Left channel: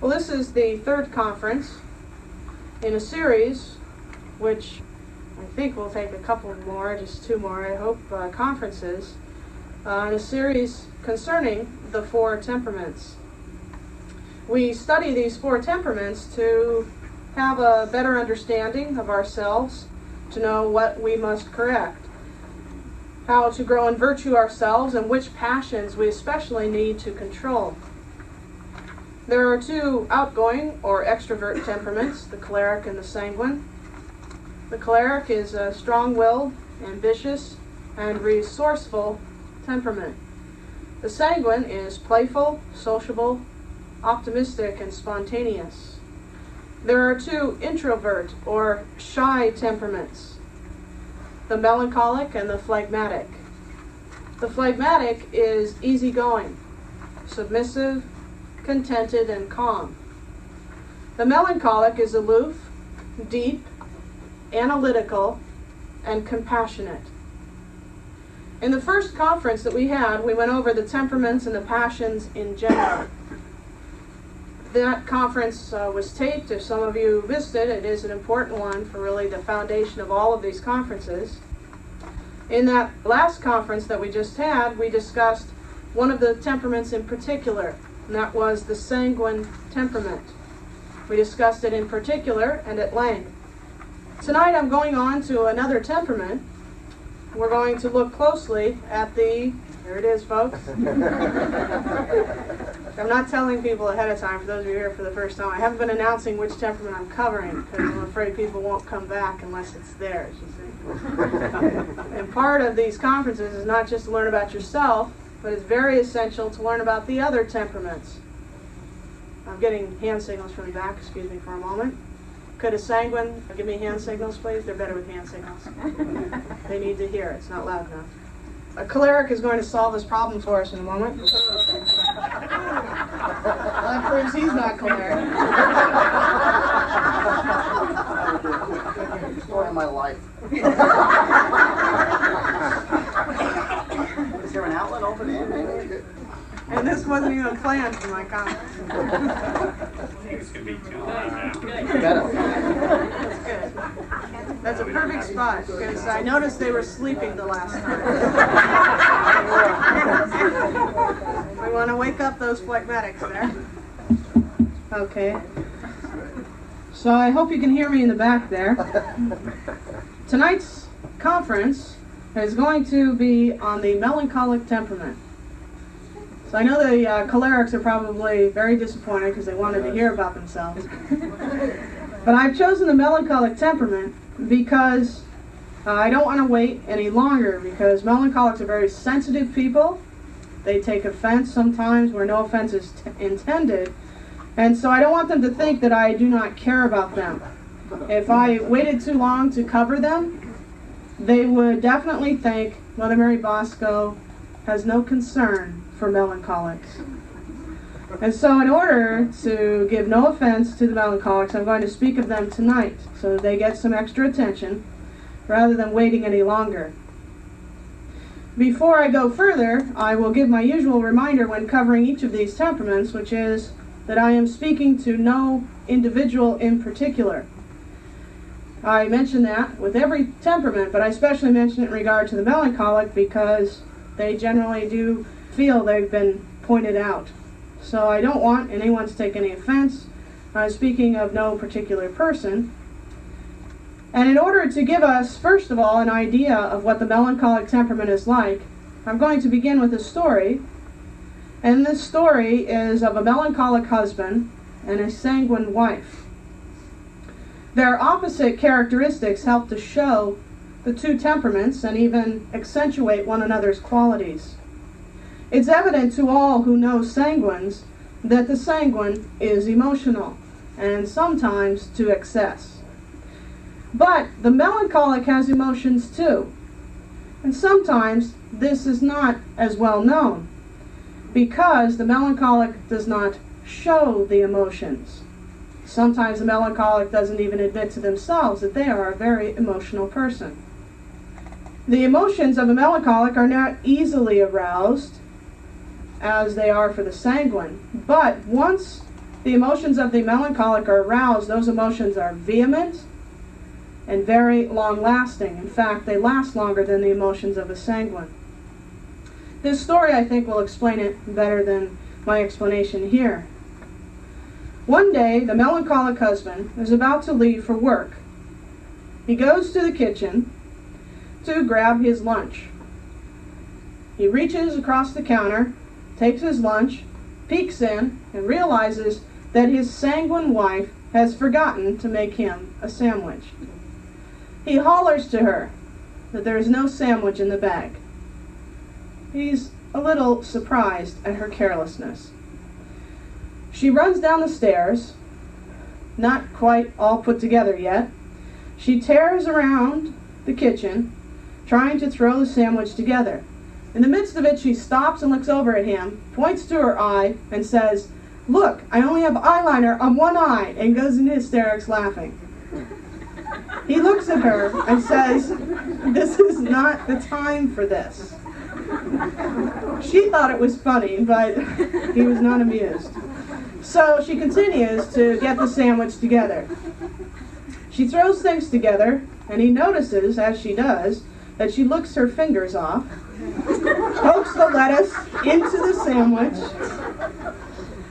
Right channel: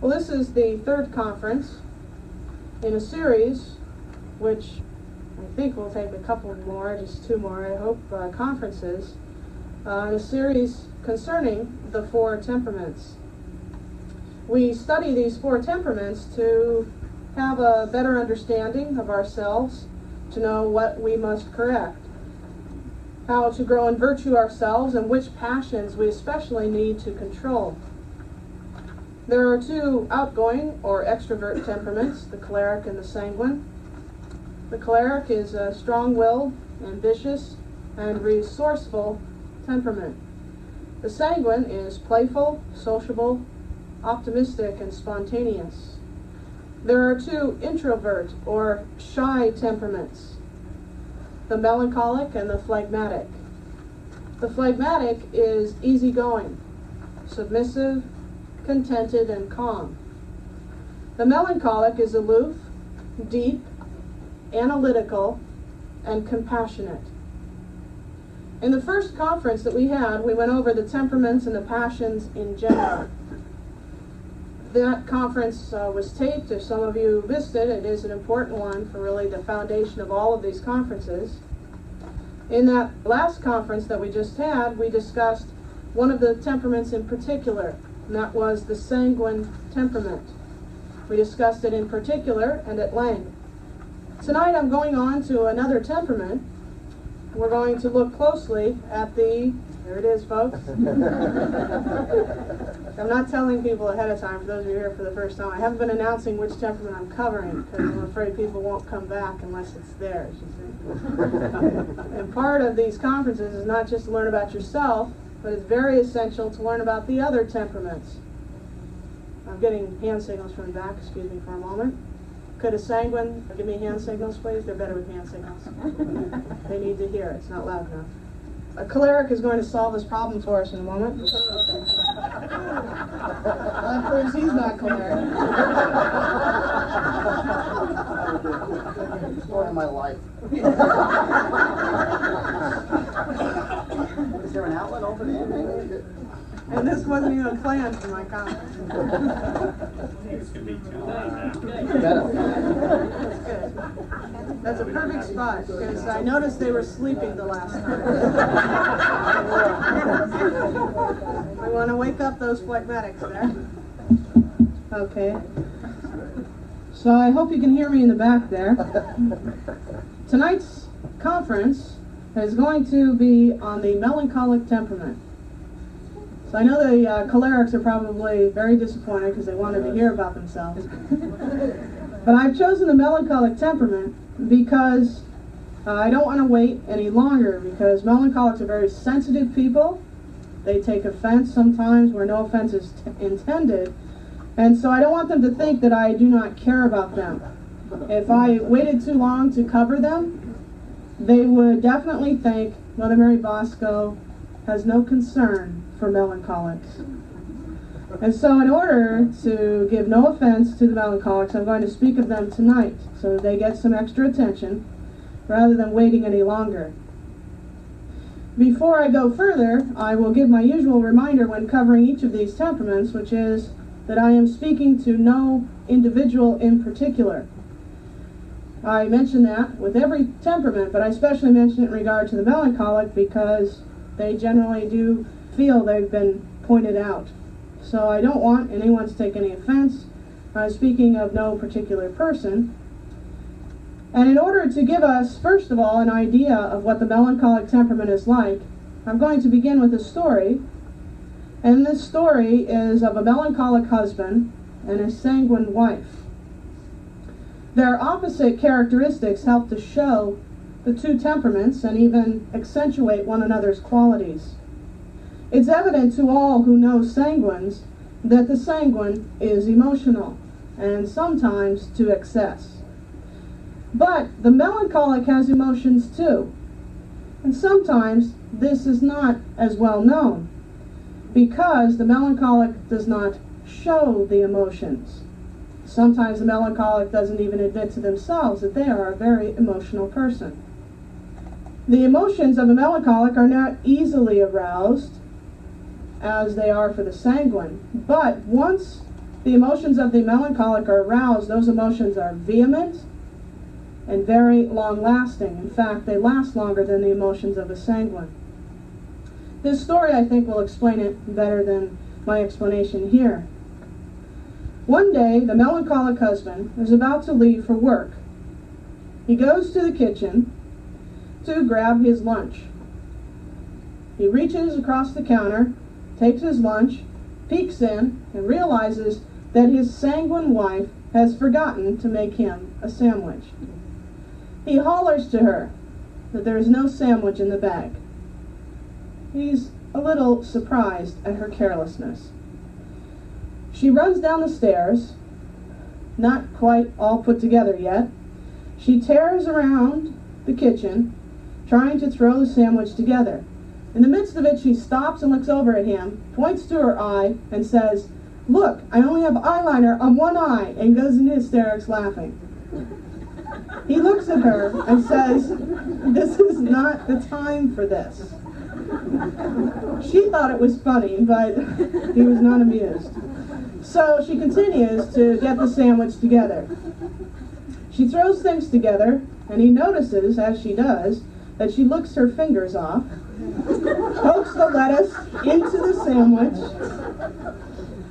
Well, this is the third conference in a series which I think will take a couple more, just two more, I hope, conferences, in a series concerning the four temperaments. We study these four temperaments to have a better understanding of ourselves, to know what we must correct, how to grow in virtue ourselves, and which passions we especially need to control. There are two outgoing or extrovert temperaments, the choleric and the sanguine. The choleric is a strong-willed, ambitious, and resourceful temperament. The sanguine is playful, sociable, optimistic, and spontaneous. There are two introvert or shy temperaments, the melancholic and the phlegmatic. The phlegmatic is easygoing, submissive, contented, and calm. The melancholic is aloof, deep, analytical, and compassionate. In the first conference that we had, we went over the temperaments and the passions in general. That conference was taped. If some of you missed it, it is an important one for really the foundation of all of these conferences. In that last conference that we just had, we discussed one of the temperaments in particular, and that was the sanguine temperament. We discussed it in particular and at length. Tonight I'm going on to another temperament. We're going to look closely at there it is, folks. I'm not telling people ahead of time, for those of you here for the first time. I haven't been announcing which temperament I'm covering because I'm afraid people won't come back unless it's theirs, you see. And part of these conferences is not just to learn about yourself, but it's very essential to learn about the other temperaments. I'm getting hand signals from the back, excuse me for a moment. Could a sanguine give me hand signals, please? They're better with hand signals. They need to hear. It's not loud enough. A choleric is going to solve this problem for us in a moment. That proves he's not choleric. Story of my life. Is there an outlet over there, maybe? And this wasn't even planned for my conference. This could be too loud. That's good. That's a perfect spot, because I noticed they were sleeping the last time. We want to wake up those phlegmatics there. Okay. So I hope you can hear me in the back there. Tonight's conference is going to be on the melancholic temperament. So I know the cholerics are probably very disappointed because they wanted to hear about themselves. But I've chosen the melancholic temperament because I don't want to wait any longer, because melancholics are very sensitive people. They take offense sometimes where no offense is intended. And so I don't want them to think that I do not care about them. If I waited too long to cover them, they would definitely think Mother Mary Bosco has no concern for melancholics. And so in order to give no offense to the melancholics, I'm going to speak of them tonight so that they get some extra attention rather than waiting any longer. Before I go further, I will give my usual reminder when covering each of these temperaments, which is that I am speaking to no individual in particular. I mention that with every temperament, but I especially mention it in regard to the melancholic because they generally do feel they've been pointed out. So I don't want anyone to take any offense. I'm speaking of no particular person. And in order to give us, first of all, an idea of what the melancholic temperament is like, I'm going to begin with a story. And this story is of a melancholic husband and a sanguine wife. Their opposite characteristics help to show the two temperaments and even accentuate one another's qualities. It's evident to all who know sanguines that the sanguine is emotional, and sometimes to excess. But the melancholic has emotions too, and sometimes this is not as well known, because the melancholic does not show the emotions. Sometimes the melancholic doesn't even admit to themselves that they are a very emotional person. The emotions of a melancholic are not easily aroused, as they are for the sanguine, but once the emotions of the melancholic are aroused, those emotions are vehement and very long-lasting. In fact, they last longer than the emotions of a sanguine. This story, I think, will explain it better than my explanation here. One day, the melancholic husband is about to leave for work. He goes to the kitchen to grab his lunch. He reaches across the counter, takes his lunch, peeks in, and realizes that his sanguine wife has forgotten to make him a sandwich. He hollers to her that there is no sandwich in the bag. He's a little surprised at her carelessness. She runs down the stairs, not quite all put together yet. She tears around the kitchen, trying to throw the sandwich together. In the midst of it, she stops and looks over at him, points to her eye, and says, "Look, I only have eyeliner on one eye," and goes into hysterics laughing. He looks at her and says, "This is not the time for this." She thought it was funny, but he was not amused. So she continues to get the sandwich together. She throws things together, and he notices, as she does, that she licks her fingers off, pokes the lettuce into the sandwich.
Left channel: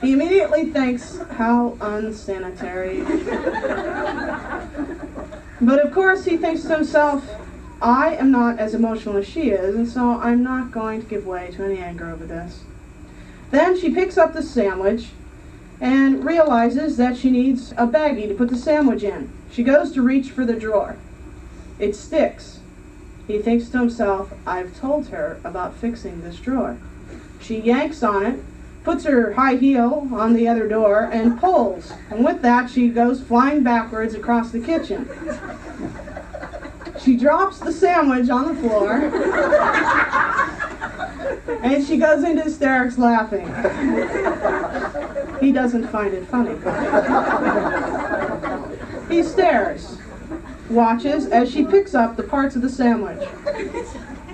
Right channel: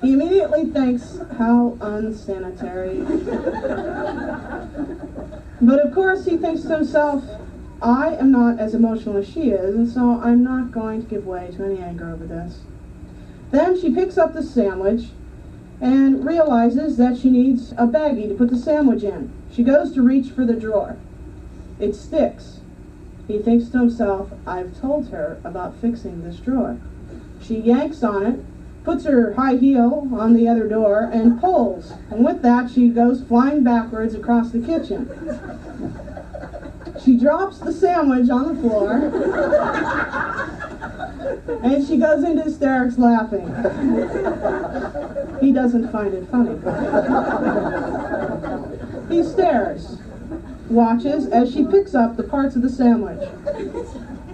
He immediately thinks, how unsanitary. But of course he thinks to himself, I am not as emotional as she is, and so I'm not going to give way to any anger over this. Then she picks up the sandwich and realizes that she needs a baggie to put the sandwich in. She goes to reach for the drawer. It sticks. He thinks to himself, I've told her about fixing this drawer. She yanks on it, puts her high heel on the other door, and pulls. And with that, she goes flying backwards across the kitchen. She drops the sandwich on the floor, and she goes into hysterics laughing. He doesn't find it funny. He stares, watches as she picks up the parts of the sandwich.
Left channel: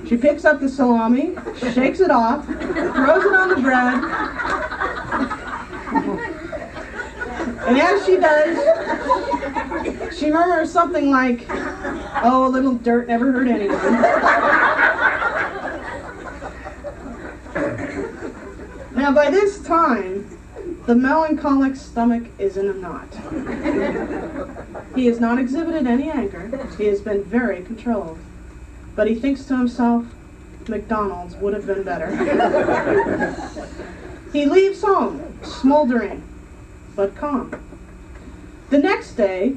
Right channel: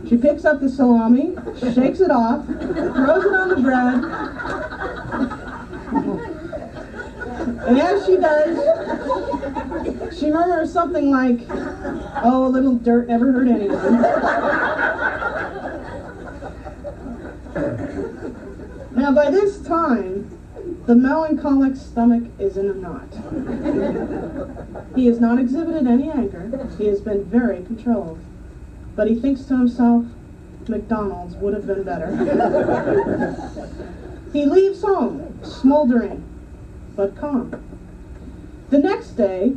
She picks up the salami, shakes it off, throws it on the bread, and as she does, she murmurs something like, "Oh, a little dirt never hurt anyone." Now, by this time, the melancholic stomach is in a knot. He has not exhibited any anger. He has been very controlled. But he thinks to himself, McDonald's would have been better. He leaves home, smoldering, but calm. The next day,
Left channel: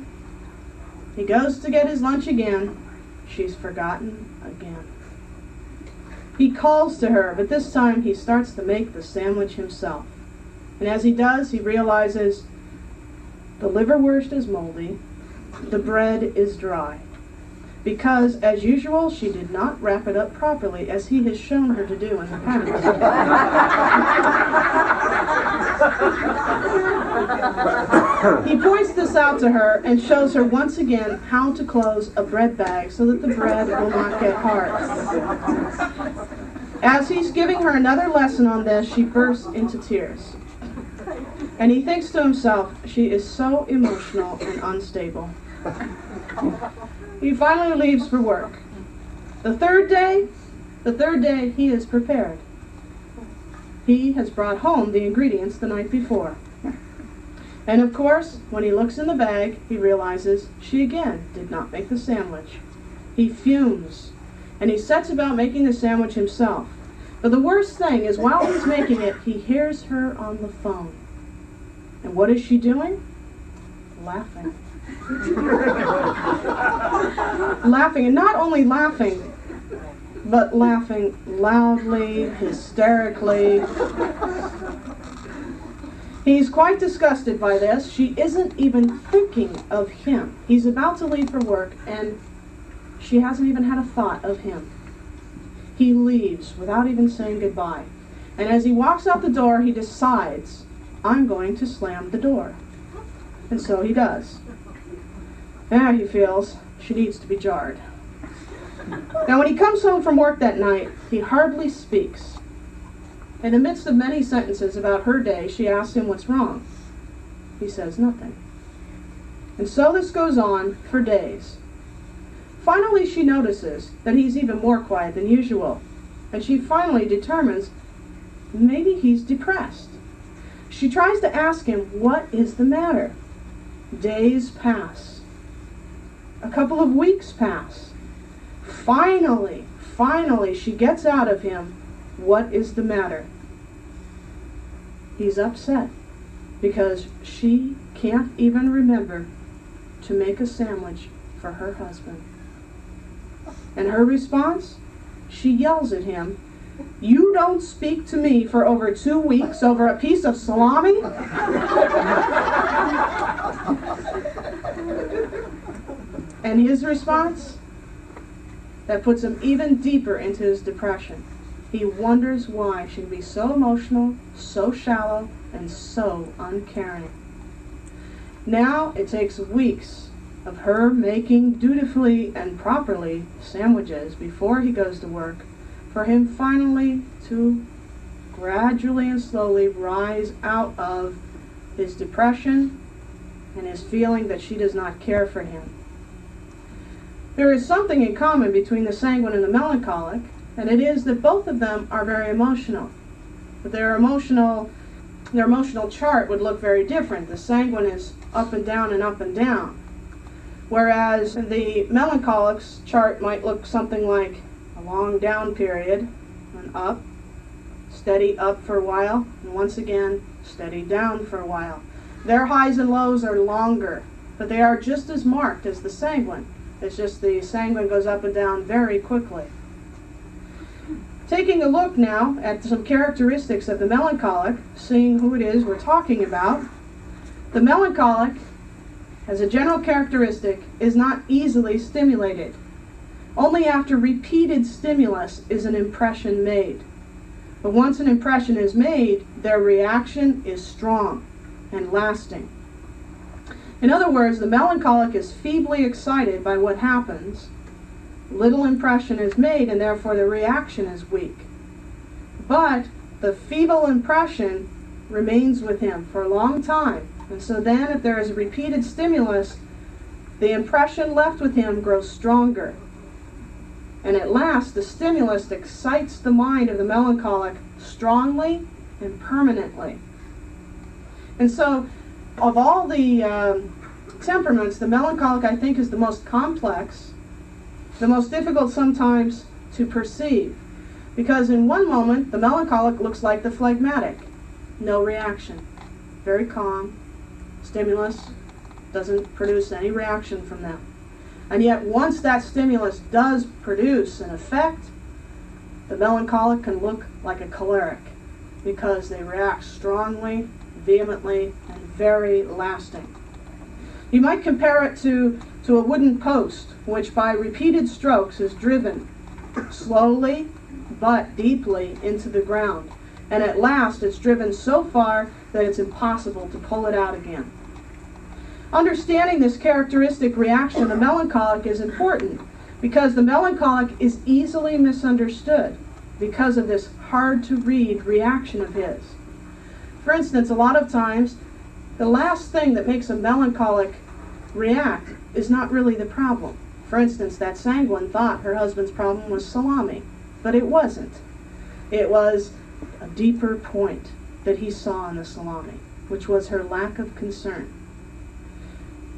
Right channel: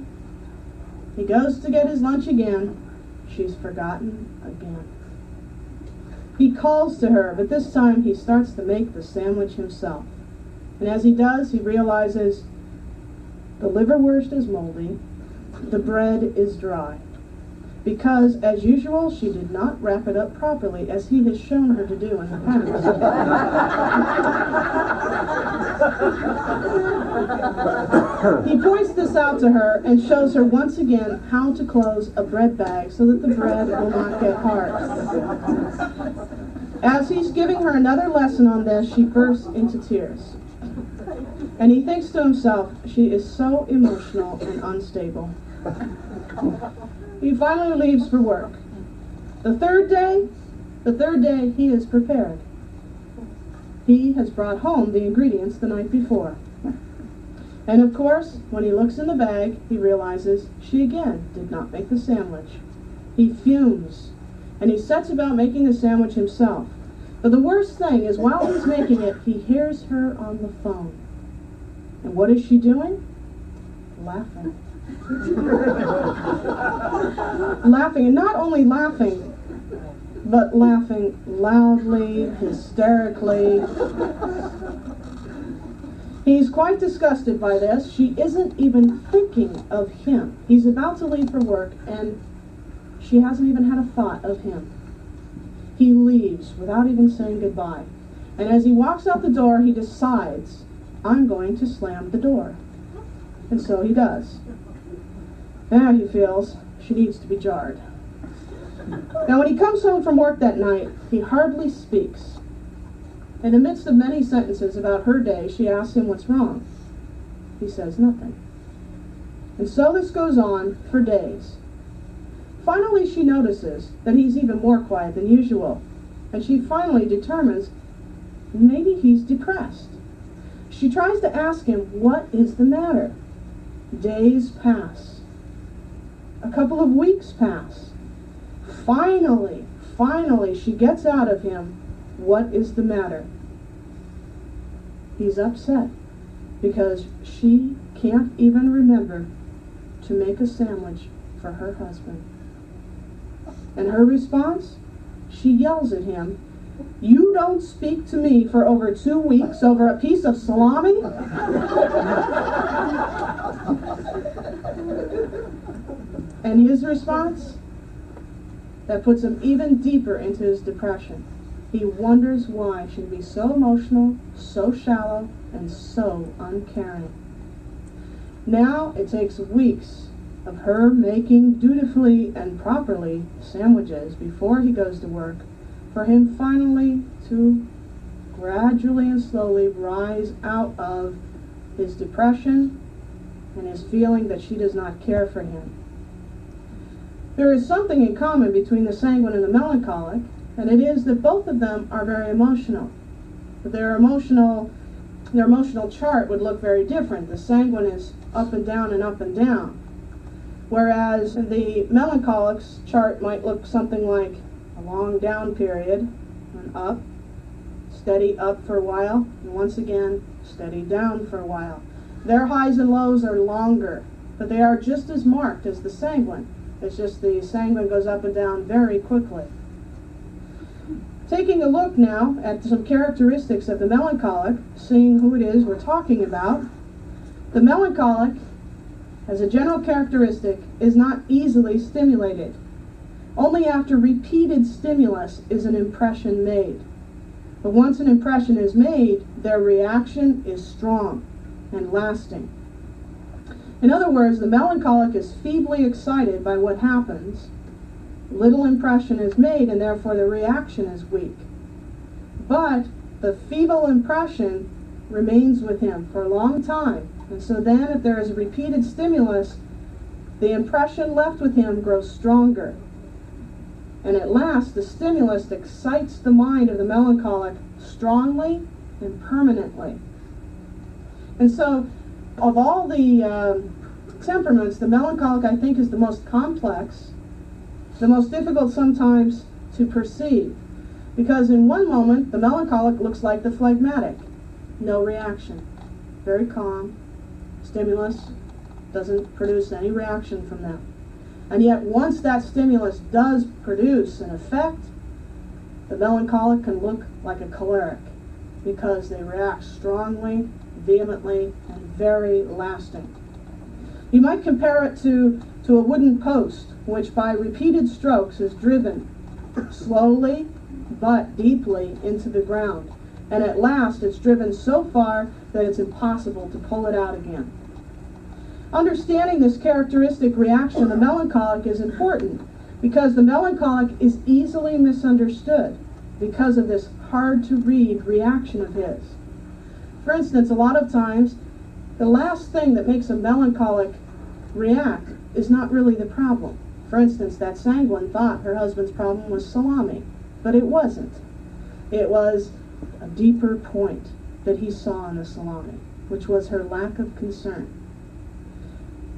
he goes to get his lunch again. She's forgotten again. He calls to her, but this time he starts to make the sandwich himself. And as he does, he realizes the liverwurst is moldy, the bread is dry. Because, as usual, she did not wrap it up properly, as he has shown her to do in the past. He points this out to her and shows her once again how to close a bread bag so that the bread will not get hard. As he's giving her another lesson on this, she bursts into tears. And he thinks to himself, she is so emotional and unstable. He finally leaves for work. The third day, he is prepared. He has brought home the ingredients the night before. And of course, when he looks in the bag, he realizes she again did not make the sandwich. He fumes, and he sets about making the sandwich himself. But the worst thing is, while he's making it, he hears her on the phone. And what is she doing? Laughing. Laughing, and not only laughing, but laughing loudly, hysterically. He's quite disgusted by this. She isn't even thinking of him. He's about to leave for work, and she hasn't even had a thought of him. He leaves without even saying goodbye. And as he walks out the door, he decides, I'm going to slam the door. And so he does. Now he feels she needs to be jarred. Now when he comes home from work that night, he hardly speaks. In the midst of many sentences about her day, she asks him what's wrong. He says nothing. And so this goes on for days. Finally, she notices that he's even more quiet than usual, and she finally determines maybe he's depressed. She tries to ask him, what is the matter? Days pass. A couple of weeks pass. Finally, she gets out of him, what is the matter? He's upset because she can't even remember to make a sandwich for her husband. And her response? She yells at him, "You don't speak to me for over 2 weeks over a piece of salami?" And his response? That puts him even deeper into his depression. He wonders why she can be so emotional, so shallow, and so uncaring. Now it takes weeks of her making dutifully and properly sandwiches before he goes to work for him finally to gradually and slowly rise out of his depression and his feeling that she does not care for him. There is something in common between the sanguine and the melancholic, and it is that both of them are very emotional. But their emotional chart would look very different. The sanguine is up and down and up and down, whereas the melancholic's chart might look something like a long down period, and up, steady up for a while, and once again, steady down for a while. Their highs and lows are longer, but they are just as marked as the sanguine. It's just the sanguine goes up and down very quickly. Taking a look now at some characteristics of the melancholic, seeing who it is we're talking about, the melancholic, as a general characteristic, is not easily stimulated. Only after repeated stimulus is an impression made. But once an impression is made, their reaction is strong and lasting. In other words, the melancholic is feebly excited by what happens. Little impression is made, and therefore the reaction is weak. But the feeble impression remains with him for a long time. And so then, if there is a repeated stimulus, the impression left with him grows stronger. And at last, the stimulus excites the mind of the melancholic strongly and permanently. And so, of all the temperaments, the melancholic, I think, is the most complex, the most difficult sometimes to perceive. Because in one moment, the melancholic looks like the phlegmatic. No reaction. Very calm. Stimulus doesn't produce any reaction from them. And yet, once that stimulus does produce an effect, the melancholic can look like a choleric because they react strongly, vehemently, and very lasting. You might compare it to a wooden post, which by repeated strokes is driven slowly but deeply into the ground. And at last it's driven so far that it's impossible to pull it out again. Understanding this characteristic reaction of the melancholic is important because the melancholic is easily misunderstood because of this hard-to-read reaction of his. For instance, a lot of times, the last thing that makes a melancholic react is not really the problem. For instance, that sanguine thought her husband's problem was salami, but it wasn't. It was a deeper point that he saw in the salami, which was her lack of concern.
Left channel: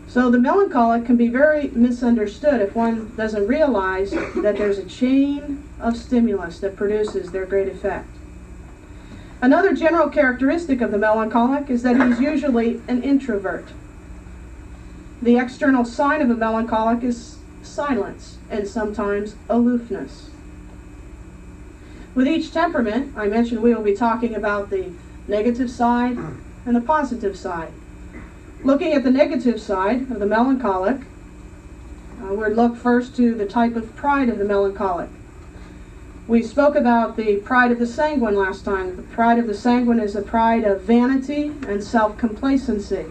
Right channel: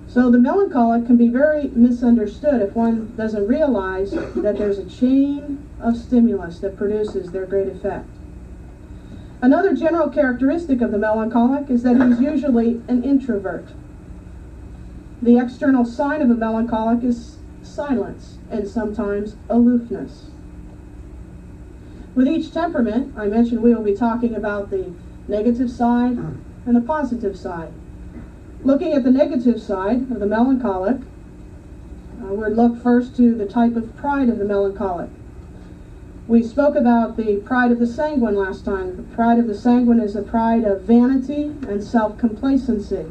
So the melancholic can be very misunderstood if one doesn't realize that there's a chain of stimulus that produces their great effect. Another general characteristic of the melancholic is that he's usually an introvert. The external sign of a melancholic is silence and sometimes aloofness. With each temperament, I mentioned we will be talking about the negative side and the positive side. Looking at the negative side of the melancholic, we'll look first to the type of pride of the melancholic. We spoke about the pride of the sanguine last time. The pride of the sanguine is a pride of vanity and self-complacency.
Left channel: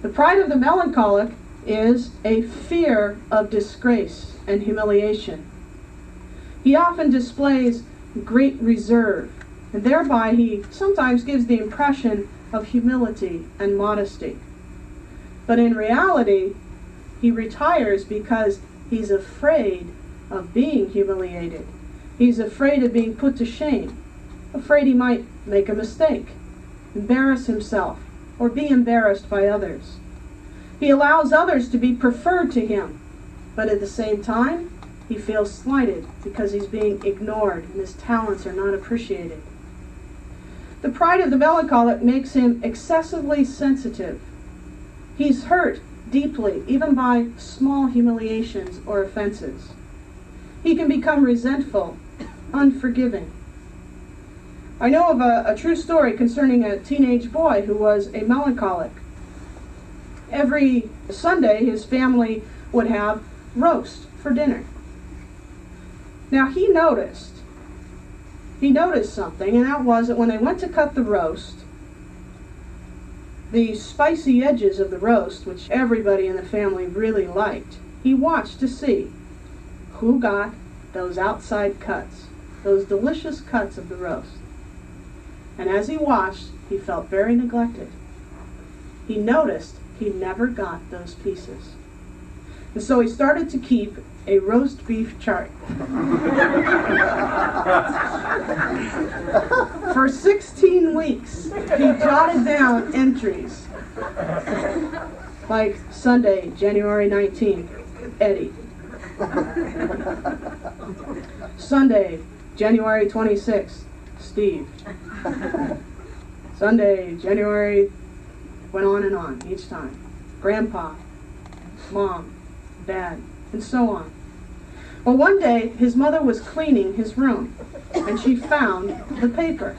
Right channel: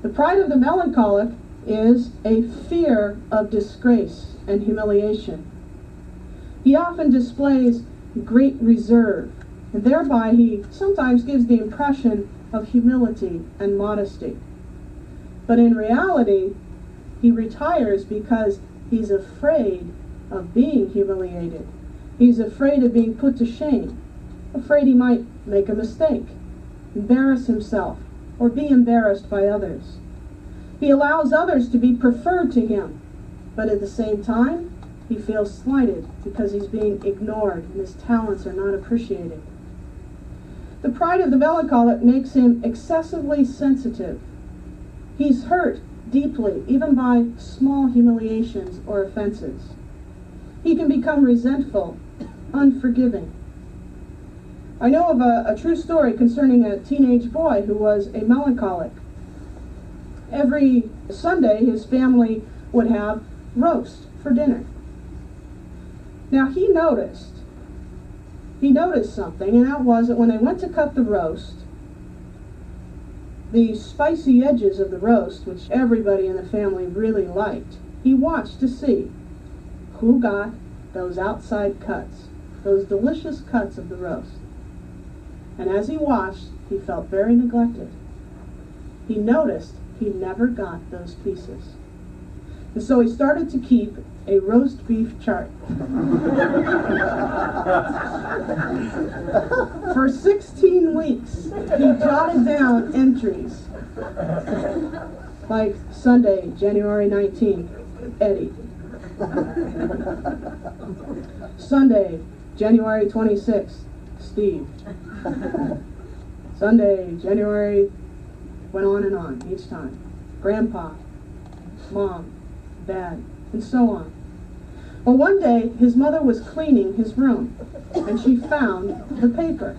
The pride of the melancholic is a fear of disgrace and humiliation. He often displays great reserve, and thereby he sometimes gives the impression of humility and modesty. But in reality, he retires because he's afraid of being humiliated. He's afraid of being put to shame, afraid he might make a mistake, embarrass himself, or be embarrassed by others. He allows others to be preferred to him, but at the same time, he feels slighted because he's being ignored and his talents are not appreciated. The pride of the melancholic makes him excessively sensitive. He's hurt deeply, even by small humiliations or offenses. He can become resentful, unforgiving. I know of a true story concerning a teenage boy who was a melancholic. Every Sunday, his family would have roast for dinner. Now, he noticed something, and that was that when they went to cut the roast, the spicy edges of the roast, which everybody in the family really liked, he watched to see who got those outside cuts, those delicious cuts of the roast. And as he watched, he felt very neglected. He noticed he never got those pieces. And so he started to keep a roast beef chart. For 16 weeks, he jotted down entries like Sunday, January 19th, Eddie. Sunday, January 26th, Steve. Sunday, January, went on and on each time. Grandpa, Mom, Dad, and so on. Well, one day, his mother was cleaning his room, and she found the paper.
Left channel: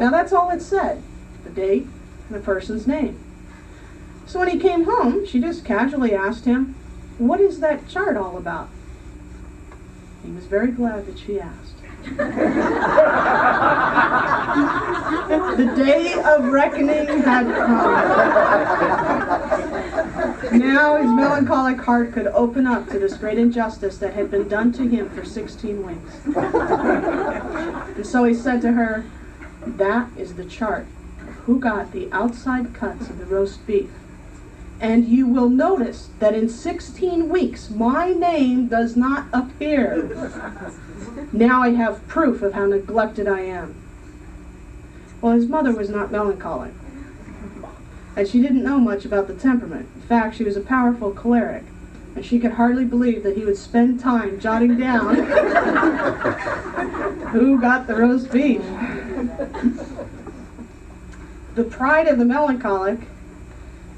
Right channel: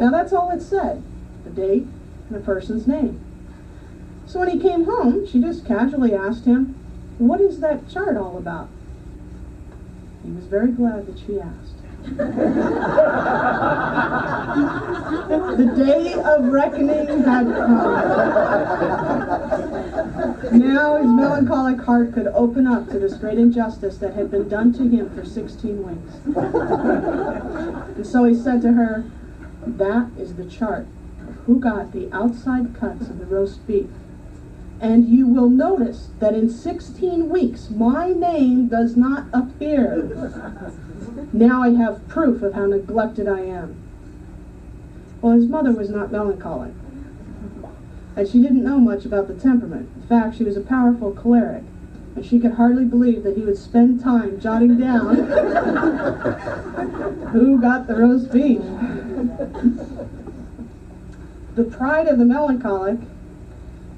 Now, that's all it said, the date and the person's name. So when he came home, she just casually asked him, "What is that chart all about?" He was very glad that she asked. The day of reckoning had come. Now his melancholic heart could open up to this great injustice that had been done to him for 16 weeks. And so he said to her, "That is the chart of who got the outside cuts of the roast beef. And you will notice that in 16 weeks, my name does not appear. Now I have proof of how neglected I am." Well, his mother was not melancholic, and she didn't know much about the temperament. In fact, she was a powerful choleric, and she could hardly believe that he would spend time jotting down who got the roast beef. The pride of the melancholic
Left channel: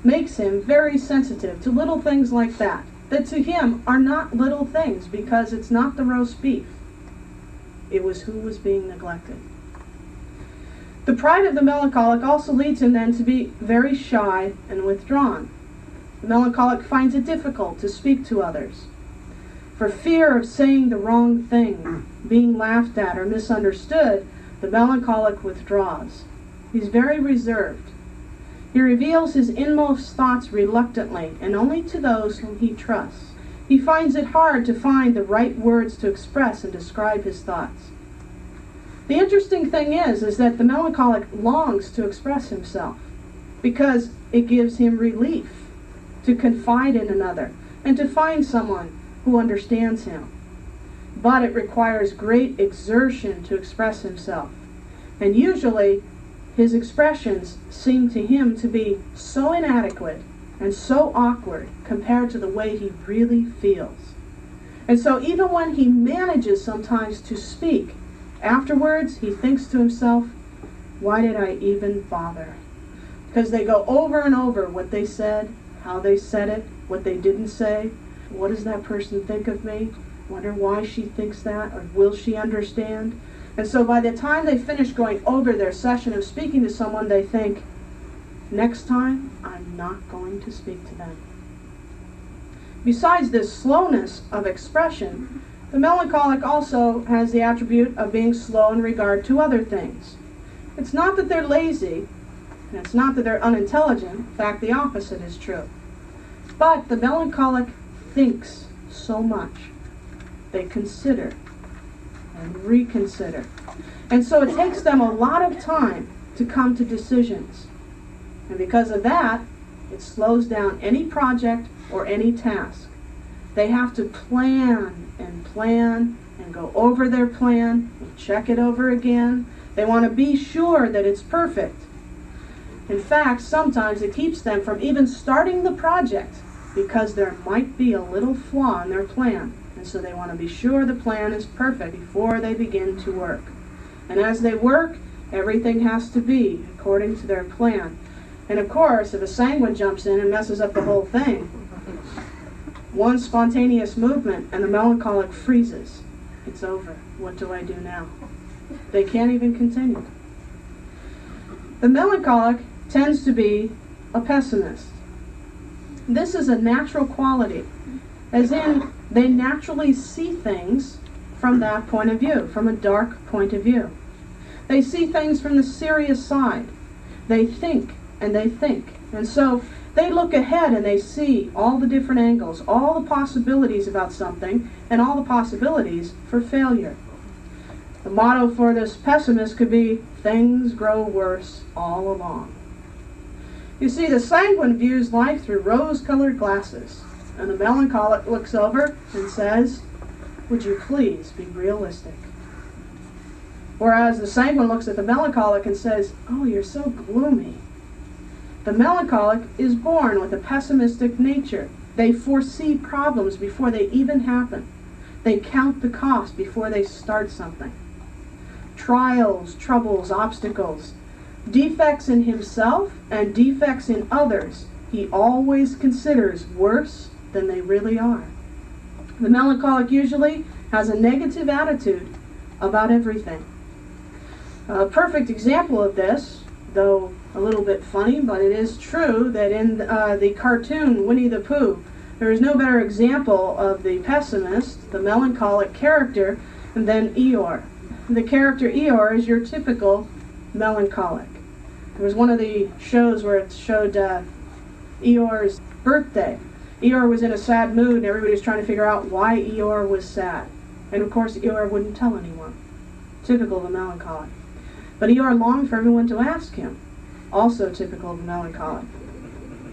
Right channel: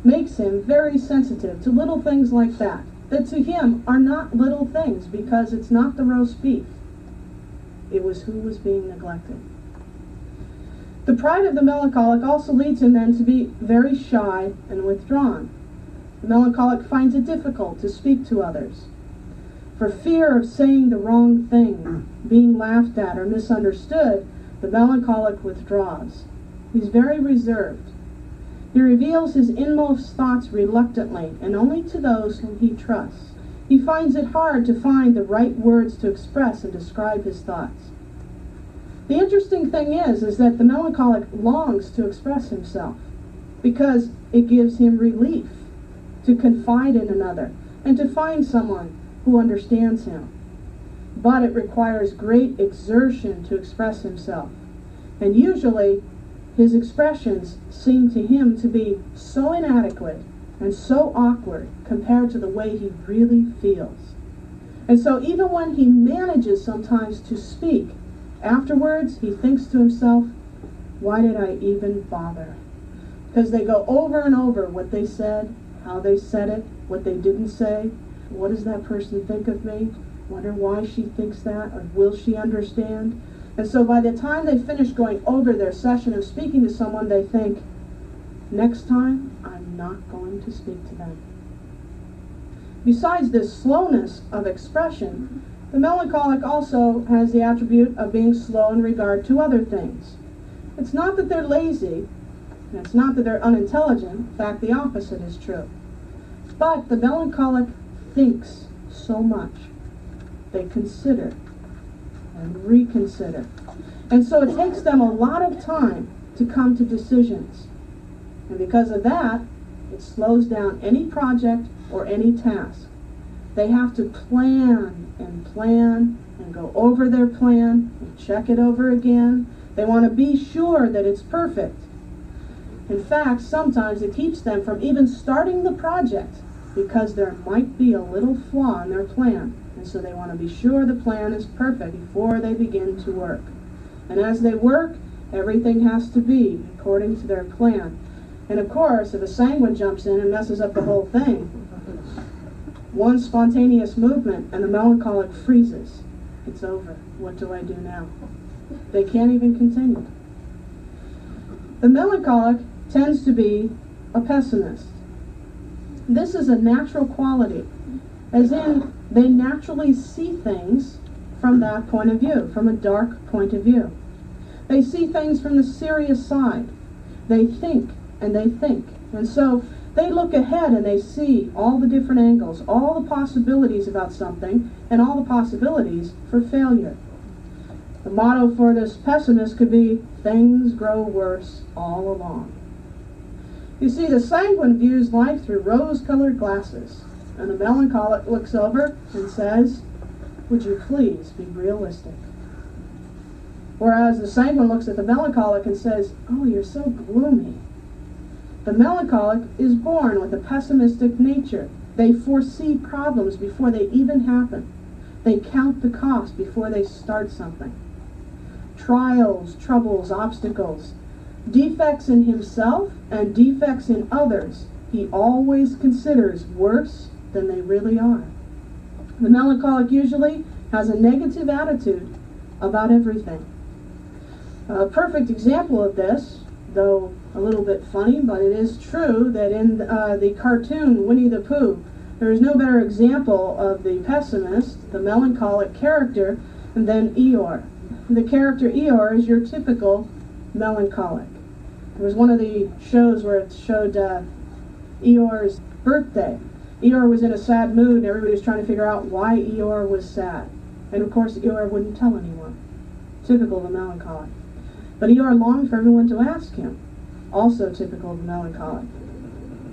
makes him very sensitive to little things like that to him are not little things, because it's not the roast beef. It was who was being neglected. The pride of the melancholic also leads him then to be very shy and withdrawn. The melancholic finds it difficult to speak to others. For fear of saying the wrong thing, being laughed at or misunderstood, the melancholic withdraws. He's very reserved. He reveals his inmost thoughts reluctantly and only to those whom he trusts. He finds it hard to find the right words to express and describe his thoughts. The interesting thing is that the melancholic longs to express himself because it gives him relief to confide in another and to find someone who understands him. But it requires great exertion to express himself. And usually, his expressions seem to him to be so inadequate and so awkward compared to the way he really feels. And so even when he manages sometimes to speak, afterwards he thinks to himself, "Why did I even bother?" Because they go over and over what they said, how they said it, what they didn't say. What does that person think of me? Wonder why she thinks that, or will she understand? And so by the time they finish going over their session of speaking to someone, they think, next time, I'm not going to speak to them. Besides this slowness of expression, the melancholic also has the attribute of being slow in regard to other things. It's not that they're lazy, and it's not that they're unintelligent. In fact, the opposite is true. But the melancholic thinks so much. They consider and reconsider. And so it takes them a lot of time to come to decisions. And because of that, it slows down any project or any task. They have to plan and go over their plan and check it over again. They want to be sure that it's perfect. In fact, sometimes it keeps them from even starting the project because there might be a little flaw in their plan. And so they want to be sure the plan is perfect before they begin to work. And as they work, everything has to be according to their plan. And of course, if a sanguine jumps in and messes up the whole thing, one spontaneous movement and the melancholic freezes. It's over. What do I do now? They can't even continue. The melancholic tends to be a pessimist. This is a natural quality, as in they naturally see things from that point of view, from a dark point of view. They see things from the serious side. They think and they think. And so they look ahead and they see all the different angles, all the possibilities about something, and all the possibilities for failure. The motto for this pessimist could be, things grow worse all along. You see, the sanguine views life through rose-colored glasses, and the melancholic looks over and says, would you please be realistic? Whereas the sanguine looks at the melancholic and says, oh, you're so gloomy. The melancholic is born with a pessimistic nature. They foresee problems before they even happen. They count the cost before they start something. Trials, troubles, obstacles, defects in himself and defects in others, he always considers worse than they really are. The melancholic usually has a negative attitude about everything. A perfect example of this, though a little bit funny, but it is true that in the cartoon Winnie the Pooh, there is no better example of the pessimist, the melancholic character, than Eeyore. The character Eeyore is your typical melancholic. There was one of the shows where it showed Eeyore's birthday. Eeyore was in a sad mood and everybody was trying to figure out why Eeyore was sad. And of course Eeyore wouldn't tell anyone. Typical of a melancholic. But Eeyore longed for everyone to ask him. Also typical of a melancholic.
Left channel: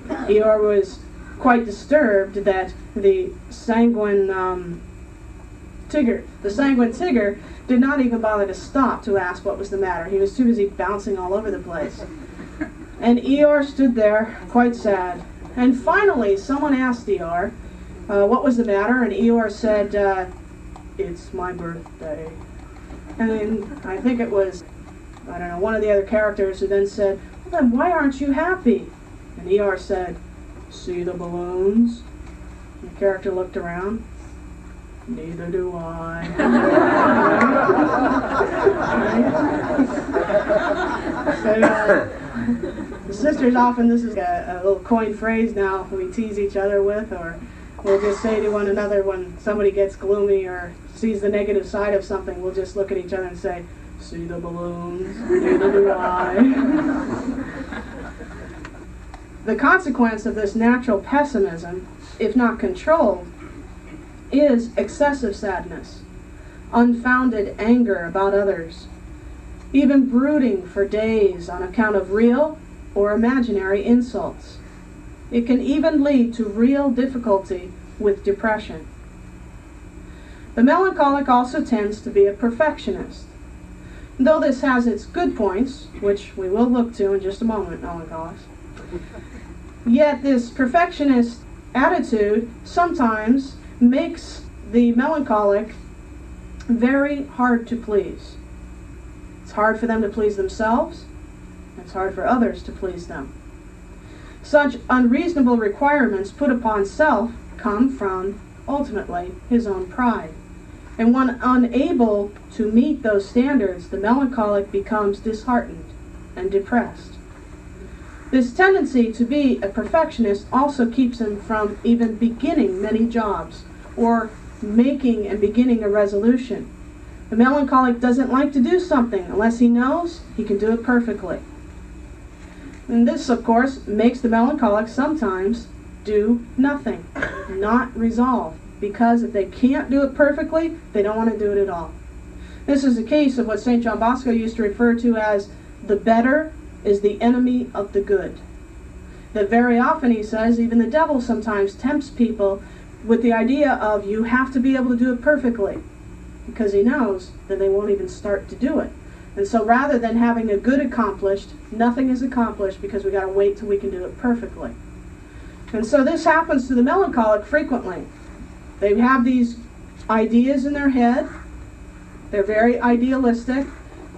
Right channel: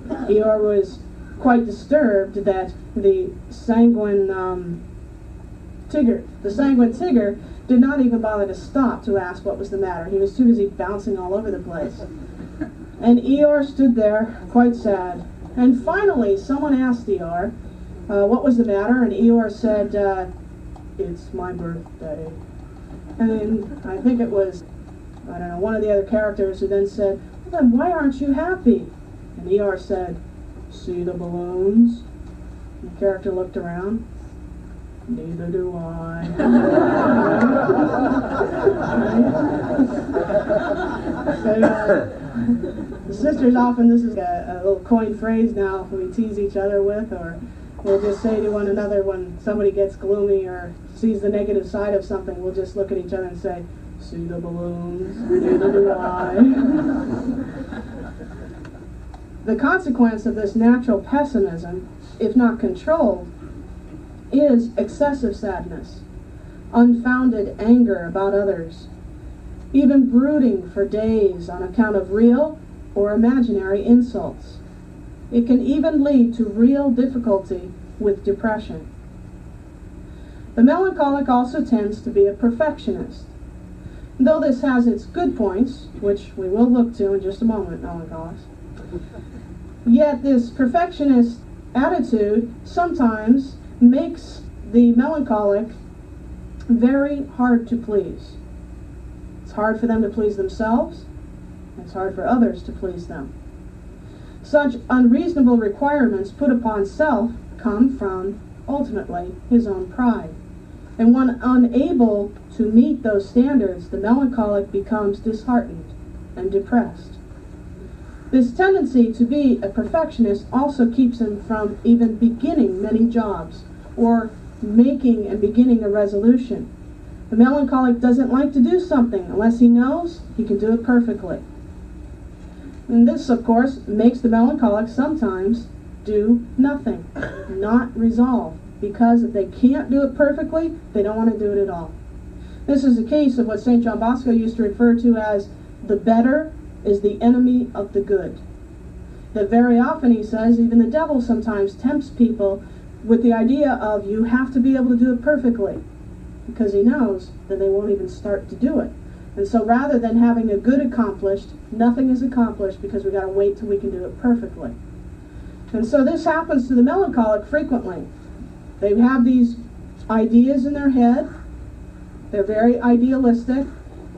Eeyore was quite disturbed that the sanguine Tigger did not even bother to stop to ask what was the matter. He was too busy bouncing all over the place. And Eeyore stood there, quite sad. And finally, someone asked Eeyore what was the matter, and Eeyore said, it's my birthday. And then I think it was, I don't know, one of the other characters who then said, well, then why aren't you happy? And Eeyore said, see the balloons? And the character looked around. Neither do I. The sisters often, this is a little coined phrase now we tease each other with, or we'll just say to one another when somebody gets gloomy or sees the negative side of something, we'll just look at each other and say, see the balloons? Neither do I. The consequence of this natural pessimism, if not controlled, is excessive sadness, unfounded anger about others, even brooding for days on account of real or imaginary insults. It can even lead to real difficulty with depression. The melancholic also tends to be a perfectionist. Though this has its good points, which we will look to in just a moment, melancholics, yet this perfectionist attitude sometimes makes the melancholic very hard to please. It's hard for them to please themselves, and it's hard for others to please them. Such unreasonable requirements put upon self come from, ultimately, his own pride. And when unable to meet those standards, the melancholic becomes disheartened and depressed. This tendency to be a perfectionist also keeps him from even beginning many jobs or making and beginning a resolution. The melancholic doesn't like to do something unless he knows he can do it perfectly. And this, of course, makes the melancholic sometimes do nothing, not resolve, because if they can't do it perfectly, they don't want to do it at all. This is a case of what St. John Bosco used to refer to as the better is the enemy of the good. That very often, he says, even the devil sometimes tempts people with the idea of you have to be able to do it perfectly, because he knows that they won't even start to do it. And so rather than having a good accomplished, nothing is accomplished because we got to wait till we can do it perfectly. And so this happens to the melancholic frequently. They have these ideas in their head. They're very idealistic.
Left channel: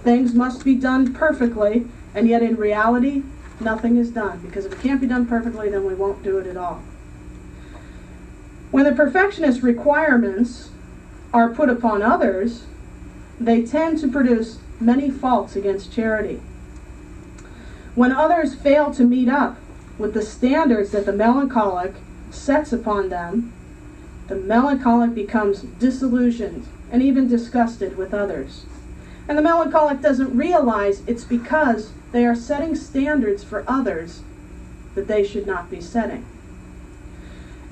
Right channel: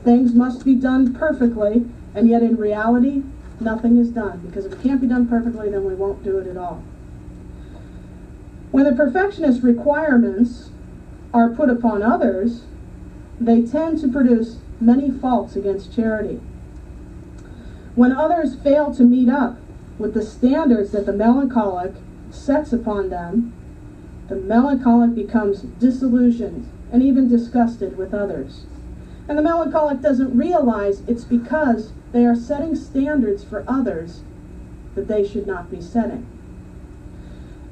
Things must be done perfectly, and yet in reality, nothing is done, because if it can't be done perfectly, then we won't do it at all. When the perfectionist requirements are put upon others, they tend to produce many faults against charity. When others fail to meet up with the standards that the melancholic sets upon them, the melancholic becomes disillusioned and even disgusted with others. And the melancholic doesn't realize it's because they are setting standards for others that they should not be setting.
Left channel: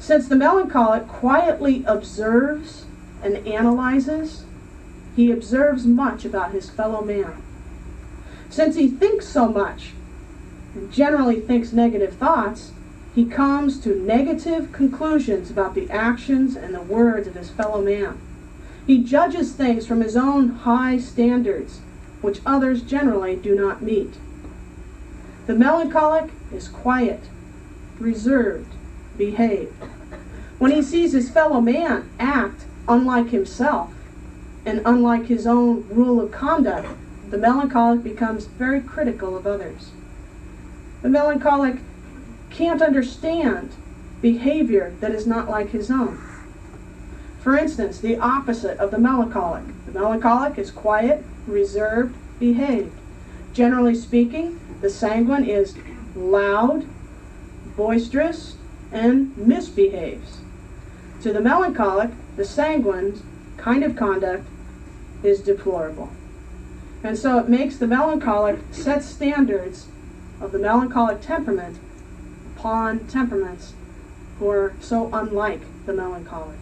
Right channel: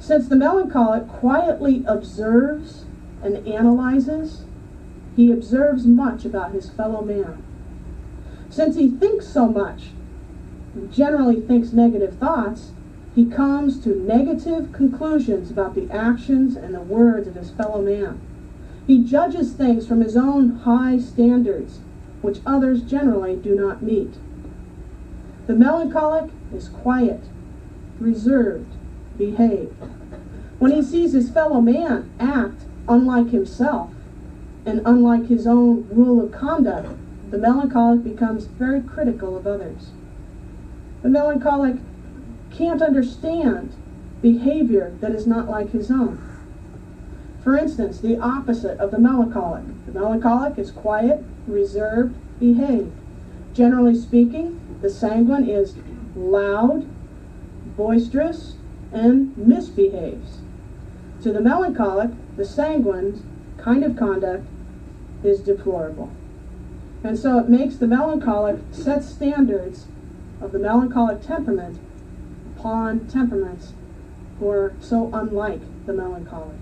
Since the melancholic quietly observes and analyzes, he observes much about his fellow man. Since he thinks so much, and generally thinks negative thoughts, he comes to negative conclusions about the actions and the words of his fellow man. He judges things from his own high standards, which others generally do not meet. The melancholic is quiet, reserved, behaved. When he sees his fellow man act unlike himself and unlike his own rule of conduct, the melancholic becomes very critical of others. The melancholic can't understand behavior that is not like his own. For instance, the opposite of the melancholic. The melancholic is quiet, reserved, behaved. Generally speaking, the sanguine is loud, boisterous, and misbehaves. To the melancholic, the sanguine's kind of conduct is deplorable. And so it makes the melancholic set standards of the melancholic temperament upon temperaments who are so unlike the melancholic.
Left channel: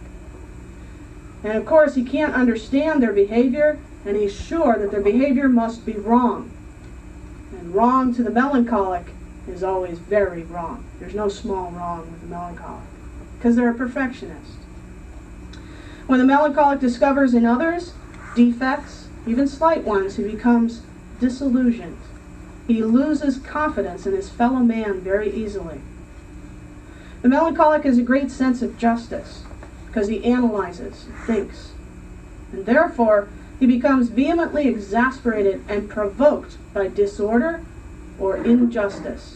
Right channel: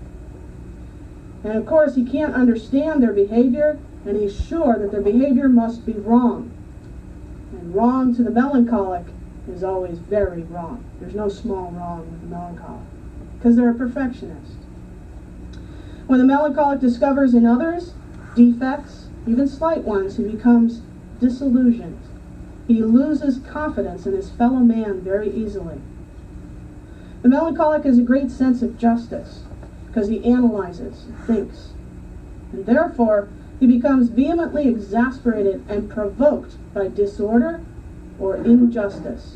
And of course, he can't understand their behavior, and he's sure that their behavior must be wrong. And wrong to the melancholic is always very wrong. There's no small wrong with the melancholic, because they're a perfectionist. When the melancholic discovers in others defects, even slight ones, he becomes disillusioned. He loses confidence in his fellow man very easily. The melancholic has a great sense of justice, because he analyzes and thinks. And therefore, he becomes vehemently exasperated and provoked by disorder or injustice.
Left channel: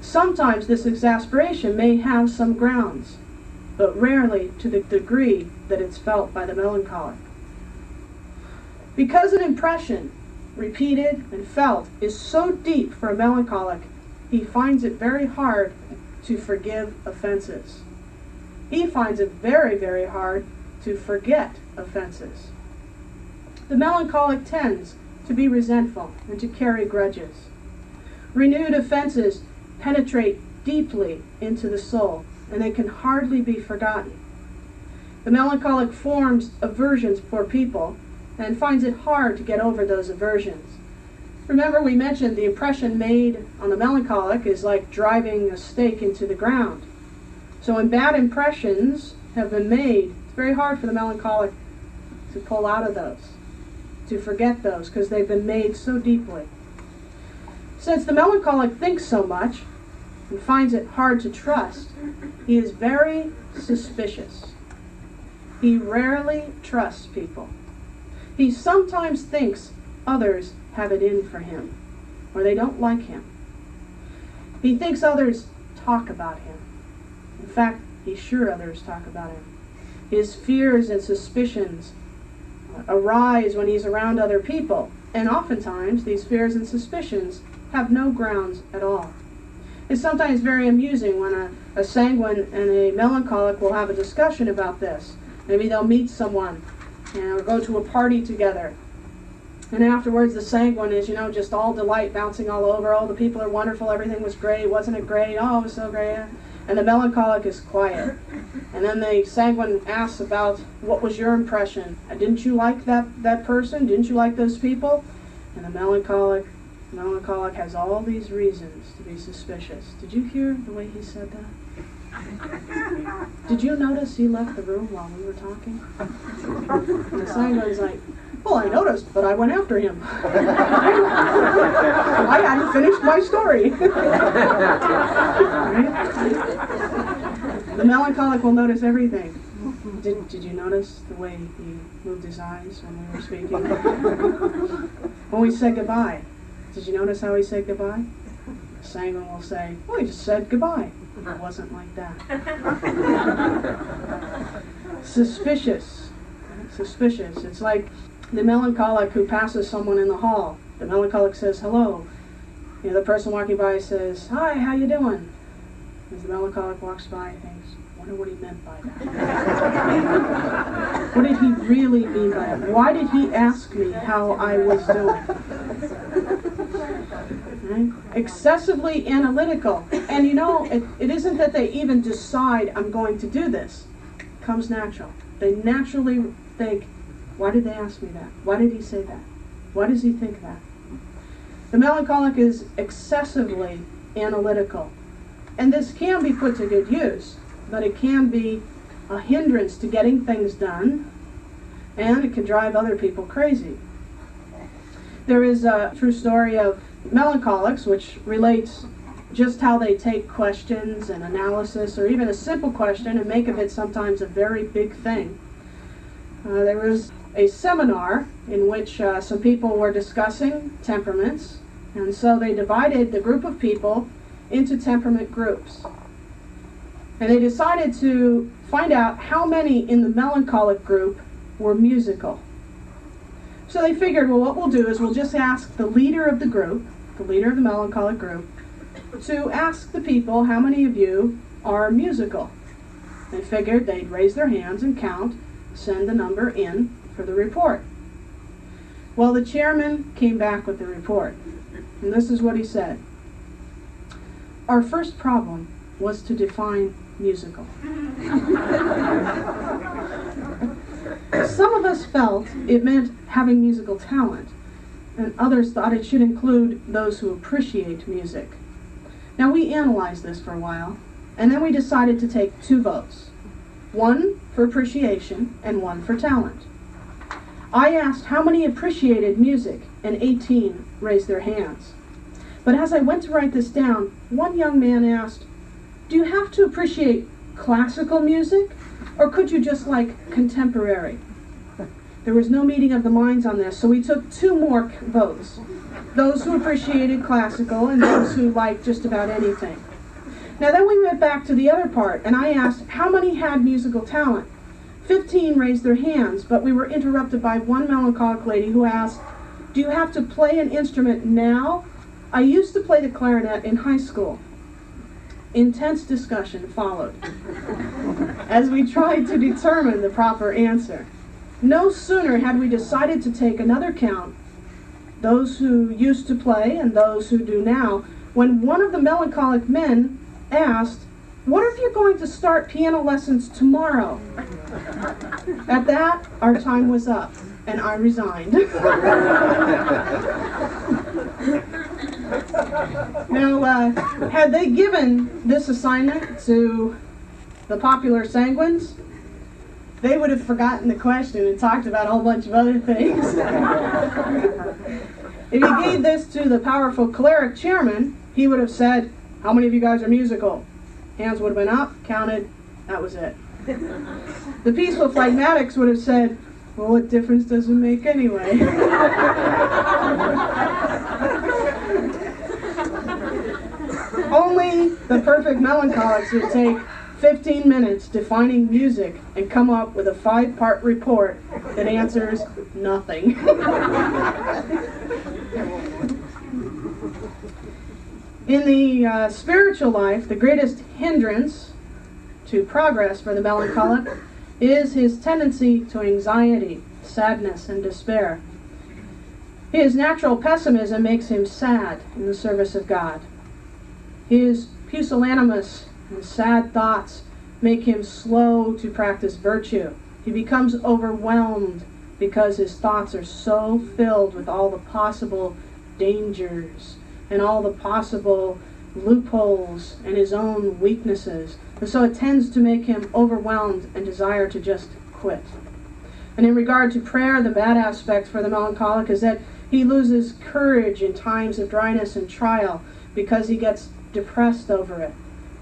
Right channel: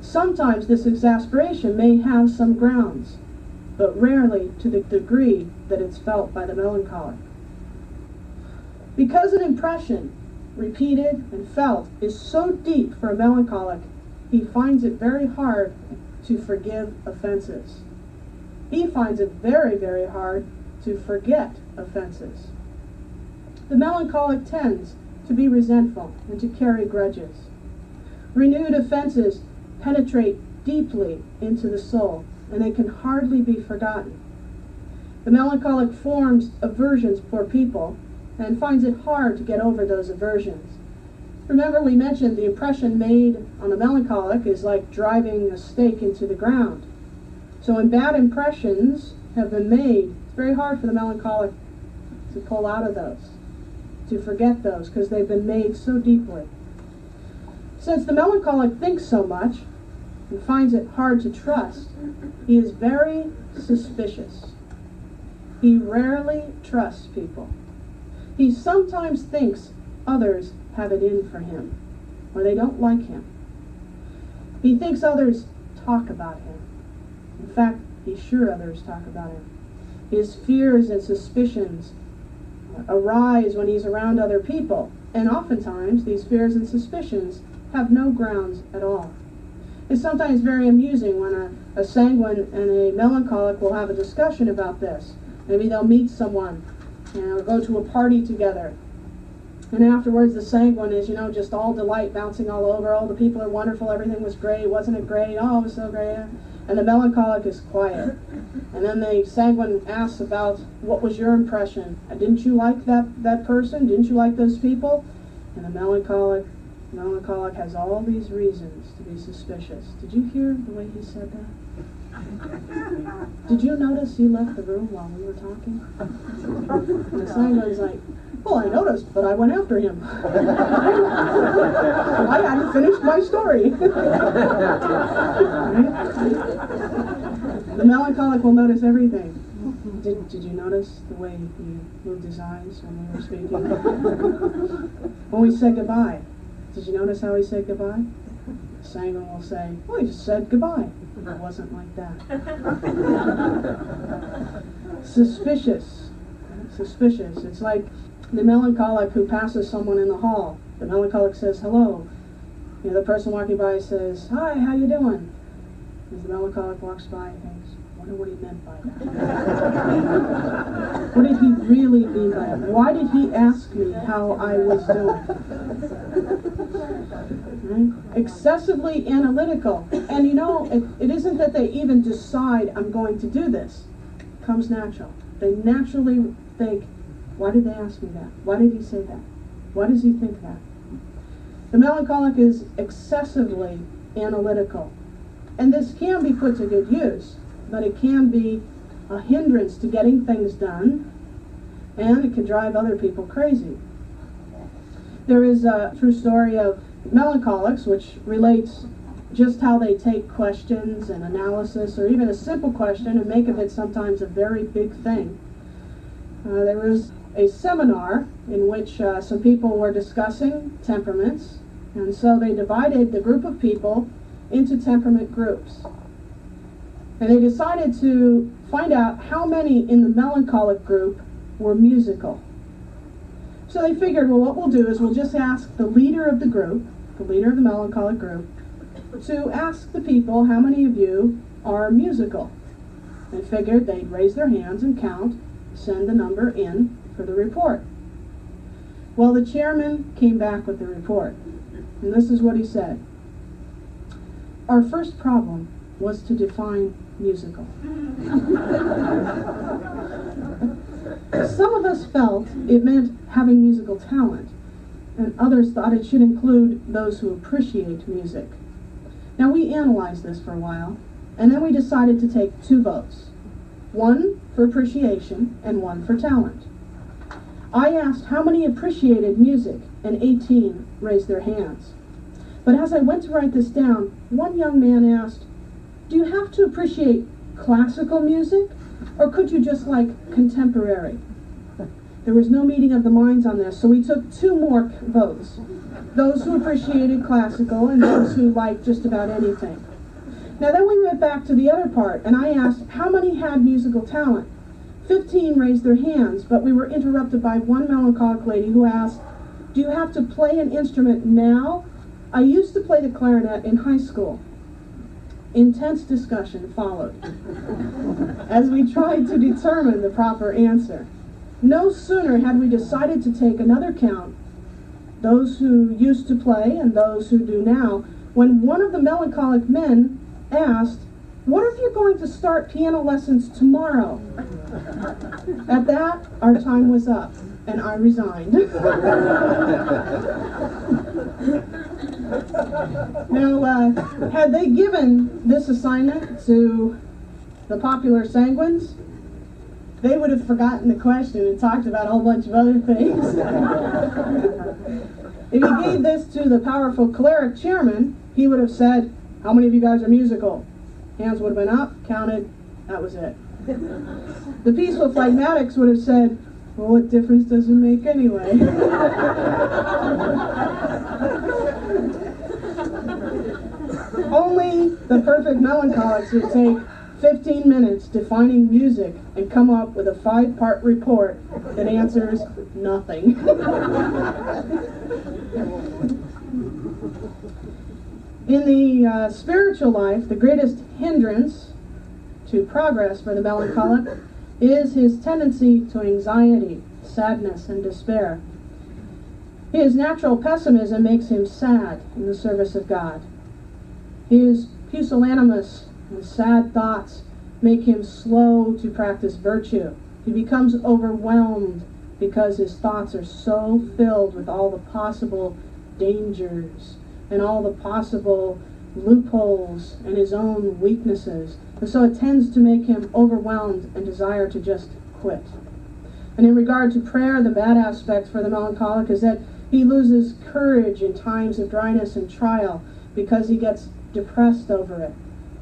Sometimes this exasperation may have some grounds, but rarely to the degree that it's felt by the melancholic. Because an impression, repeated and felt, is so deep for a melancholic, he finds it very hard to forgive offenses. He finds it very, very hard to forget offenses. The melancholic tends to be resentful and to carry grudges. Renewed offenses penetrate deeply into the soul, and they can hardly be forgotten. The melancholic forms aversions for people and finds it hard to get over those aversions. Remember, we mentioned the impression made on the melancholic is like driving a stake into the ground. So when bad impressions have been made, it's very hard for the melancholic to pull out of those, to forget those, because they've been made so deeply. Since the melancholic thinks so much and finds it hard to trust, he is very suspicious. He rarely trusts people. He sometimes thinks others have it in for him, or they don't like him. He thinks others talk about him. In fact, he's sure others talk about him. His fears and suspicions arise when he's around other people, and oftentimes these fears and suspicions have no grounds at all. It's sometimes very amusing when a sanguine and a melancholic will have a discussion about this. Maybe they'll meet someone or go to a party together. And afterwards, the sanguine is, just all delight, bouncing all over. Oh, the people are wonderful. Everything was great. Wasn't it great? Oh, it was so great. And the melancholic is quiet. And then the sanguine asks about, what was your impression? Didn't you like that person? Didn't you like those people? And the melancholic Melancholic has all these reasons to be suspicious. Did you hear the way he said that? Did you notice he left the room while we were talking? And the sanguine's like, well, I noticed, but I went after him. I hadn't finished my story. Right? The melancholic will notice everything. Did you notice the way he moved his eyes when we were speaking? When we said goodbye, did you notice how he said goodbye? The sanguine will say, well, he just said goodbye. It wasn't like that. Suspicious. Suspicious. It's like the melancholic who passes someone in the hall. The melancholic says hello. The person walking by says, hi, how you doing? As the melancholic walks by, he thinks, I wonder what he meant by that. What did he really mean by it? Why did he ask me how I was doing? Right? Excessively analytical. And it isn't that they even decide, I'm going to do this. It comes natural. They naturally think, why did they ask me that? Why did he say that? Why does he think that? The melancholic is excessively analytical. And this can be put to good use, but it can be a hindrance to getting things done, and it can drive other people crazy. There is a true story of melancholics, which relates just how they take questions and analysis, or even a simple question, and make of it sometimes a very big thing. There was a seminar in which some people were discussing temperaments, and so they divided the group of people into temperament groups. And they decided to find out how many in the melancholic group were musical. So they figured, well, what we'll do is we'll just ask the leader of the group, the leader of the melancholic group, to ask the people, how many of you are musical? They figured they'd raise their hands and count, send the number in for the report. Well, the chairman came back with the report, and this is what he said. Our first problem was to define musical. Some of us felt it meant having musical talent, and others thought it should include those who appreciate music. Now, we analyzed this for a while, and then we decided to take 2 votes. One for appreciation and one for talent. I asked how many appreciated music, and 18 raised their hands. But as I went to write this down, one young man asked, do you have to appreciate classical music, or could you just like contemporary? There was no meeting of the minds on this, so we took 2 more votes. Those who appreciated classical and those who liked just about anything. Now then we went back to the other part, and I asked how many had musical talent. 15 raised their hands, but we were interrupted by one melancholic lady who asked, do you have to play an instrument now? I used to play the clarinet in high school. Intense discussion followed as we tried to determine the proper answer. No sooner had we decided to take another count, those who used to play and those who do now, when one of the melancholic men asked, what if you're going to start piano lessons tomorrow? At that, our time was up, and I resigned. Now, had they given this assignment to the popular sanguines, they would have forgotten the question and talked about a whole bunch of other things. If you gave this to the powerful choleric chairman, he would have said, how many of you guys are musical? Hands would have been up, counted, that was it. The peaceful phlegmatics would have said, well, what difference does it make anyway? Only the perfect melancholics would take 15 minutes defining music and come up with a 5-part report that answers nothing. In the spiritual life, the greatest hindrance to progress for the melancholic is his tendency to anxiety, sadness, and despair. His natural pessimism makes him sad in the service of God. His pusillanimous and sad thoughts make him slow to practice virtue. He becomes overwhelmed because his thoughts are so filled with all the possible dangers and all the possible loopholes and his own weaknesses. And so it tends to make him overwhelmed and desire to just quit. And in regard to prayer, the bad aspect for the melancholic is that he loses courage in times of dryness and trial because he gets depressed over it.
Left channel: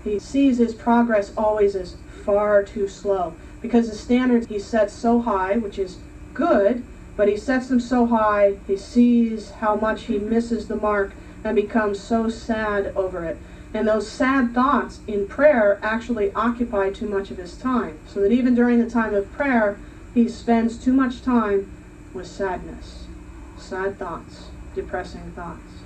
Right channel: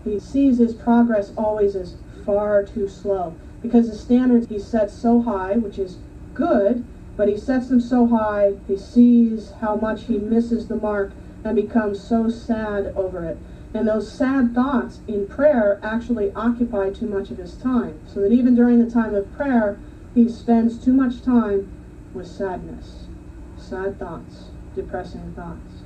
He sees his progress always as far too slow because the standards he sets so high, which is good, but he sets them so high, he sees how much he misses the mark and becomes so sad over it. And those sad thoughts in prayer actually occupy too much of his time, so that even during the time of prayer, he spends too much time with sadness, sad thoughts, depressing thoughts.